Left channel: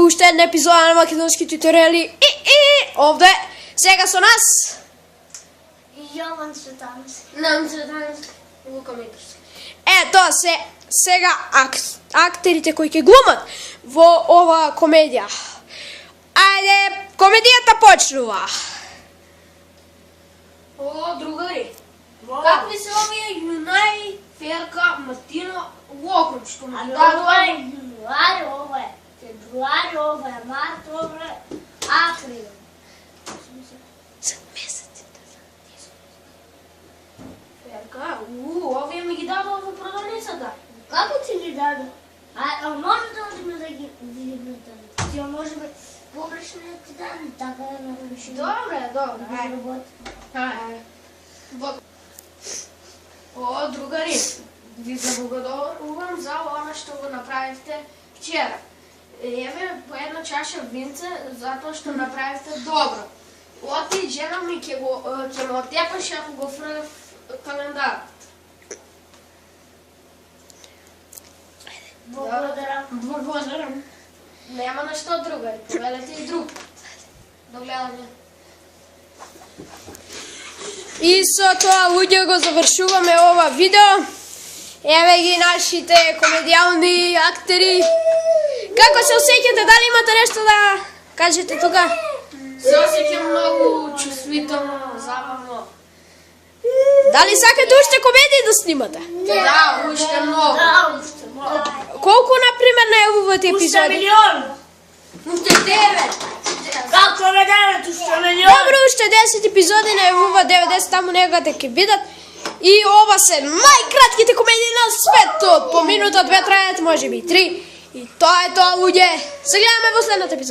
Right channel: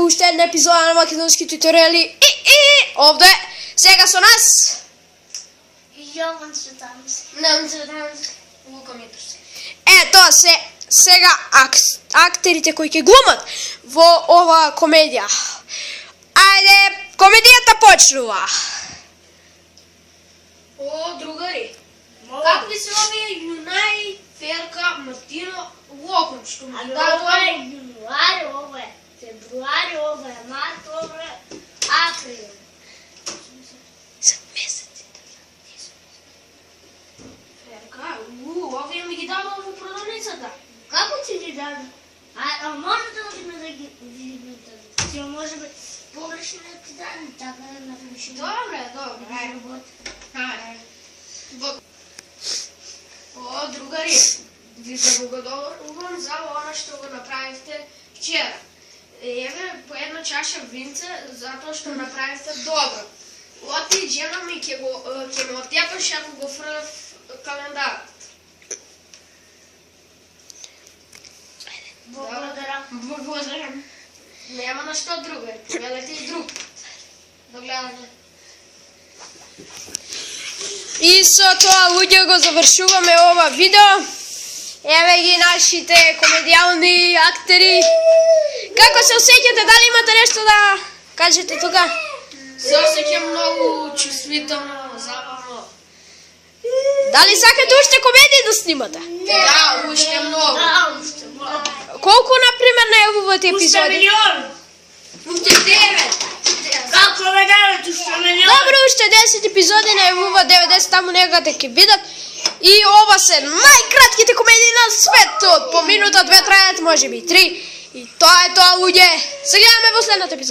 по уште една епизода на македонски туториали и овде сега со нас Јован Цветанец. Нан Цветанец, Лука Митрски. Тоа се сега актерите кои ќе глумат во ова комедија. Ајде, комедијата почнува. О, другари, како ви се овие Јунај, Ферка, Мартино, Локон, што ми ги Ова е јануари, ова е февруари, ова е март, ова е април. За месеци Ферка, овие ми ги дадо во продавницата. Како ти ги даде? А може да одиме да ги видиме? Ја може би погрешно ти даде, така да не реши. Добре. Работи. О, другари, ви заблагодарувам за оно што го направивте вчера. Еве по една чаша винце затоа што направивте добро. Оти жена ми ќе ме отјапаше ако го фрлев календарот. Благодарам. Нема на што, другари. Поведете и друг пат. До гледање. И со тоа, луѓе, го завршуваме ова видео. Еве ги нашите комедијални актери. Како се осеќате? Дали имате нешто да кажете тука? Се осеќам многу чувствително, забавно. Дали сакате уште комедии да снимате? Да, уште многу. Колку, например, на јавувате епизоди? Уште милион! Уште 9. Како ме дават уште милион? Добро, уште 10 епизоди на јавува 90, таму негате ќе видат. И ова се најкратките комедии на светот. По минута, 2 трајат, може би 3. И тоа е тоа, луѓе. Се гледаме во следната епизода.